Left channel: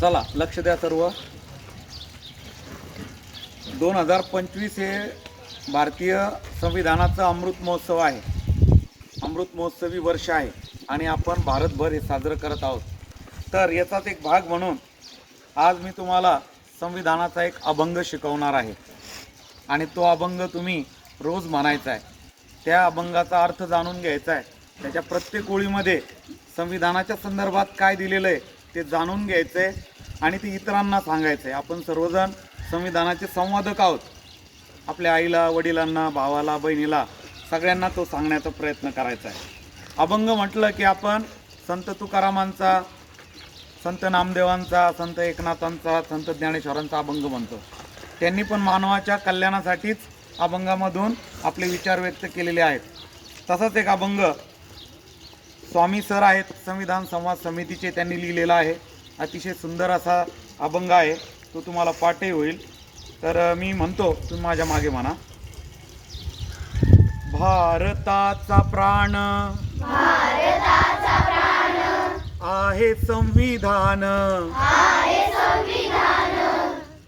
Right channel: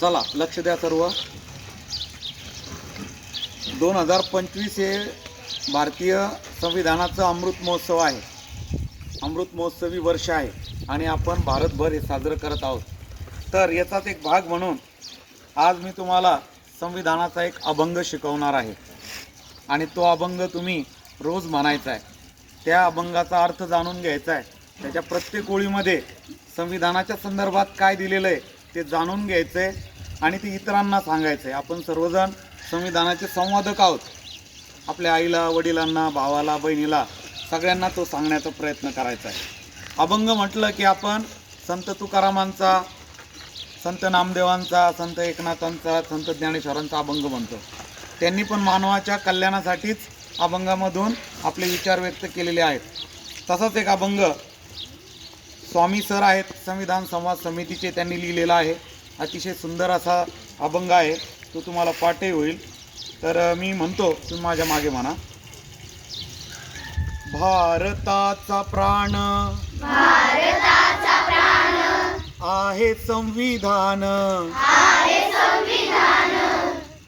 चला लक्ष द्या सर्व. दोन हजार पंचवीस हे भारतीय संविधानाचं अमृत महोत्सव आहे. अमृत महोत्सवी वर्ष आहे आणि आपण भारतभर हे साजरं करत आहोत. तर याचाच एक भाग म्हणून आज मी तुम्हाला संविधानाचा एक अभंग शिकवणार आहे. आणि तो अभंग तुम्ही रोज म्हणायचा आहे. त्या अभंगाचा अर्थ जाणून घ्यायचा आहे. त्याच्या प्रत्येक ओळीमध्ये संविधानाच्या संदर्भात काय दिलेलं आहे ते जाणून घ्यायचं आहे आणि ते इतरांना सांगायचं आहे आपण सर्वजण संविधानाचे संवादक आहोत. आपल्या आईला वडिलांना भावाला बहिणीला सगळ्यांना तो सांगण्याचा प्रयत्न करायचा आहे. अभंग म्हटलं की आपण संत तुकारामांचा संत नामदेवांचा संत एकनाथांचा संत ज्ञानेश्वरांचा अभंग म्हणतो. त्यांनी पण मानवाच्या कल्याणासाठीच अभंगामधून आपले विचार व्यक्त केलेले आहेत. तसाच एक अभंग स्वामी सर आहेत संविधान संवाद समितीचे त्यांनी लिहिलेला आहे. अतिशय सुंदर असा अभंग आहे. तो तुम्हाला पाठही होईल. तर मी म्हणतो तुम्ही माझ्या मागे म्हणा. भारताचा प्राण आहे संविधान.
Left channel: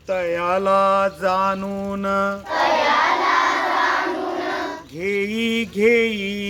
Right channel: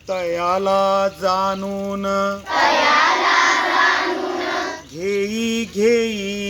तयाला जाणून. घेई घेई.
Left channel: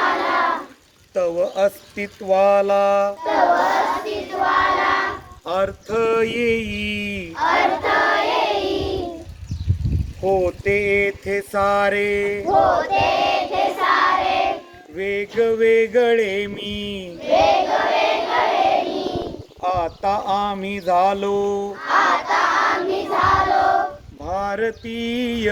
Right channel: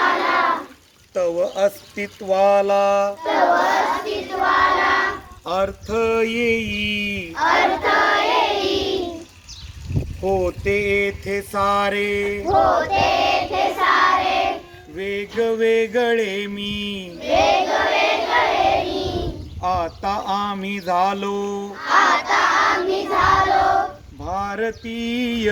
तव अस्तित्वाला। अर्थ येई। होते येथे सारे। वेगवेगळे मी। आता आम्ही झालो। भारतीय।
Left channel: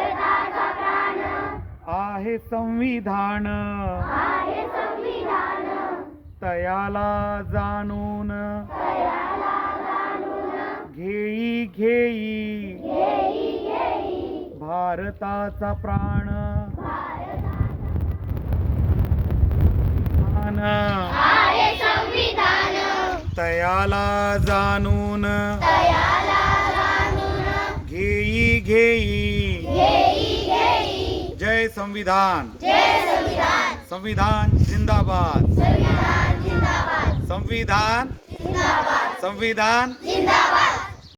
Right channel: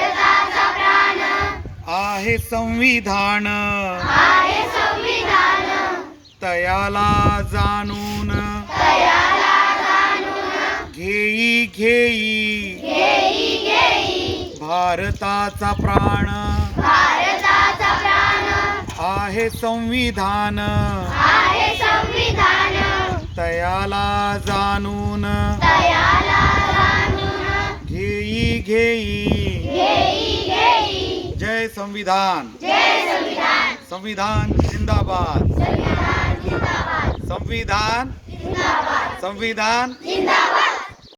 आहे संविधान. तयाला जाणून. घेई घेई. भारताचा प्राण. आहे संविधान. तयाला जाणून. घेई घेई. संविधान। संविधान जिंदाबाद। संविधान संविधान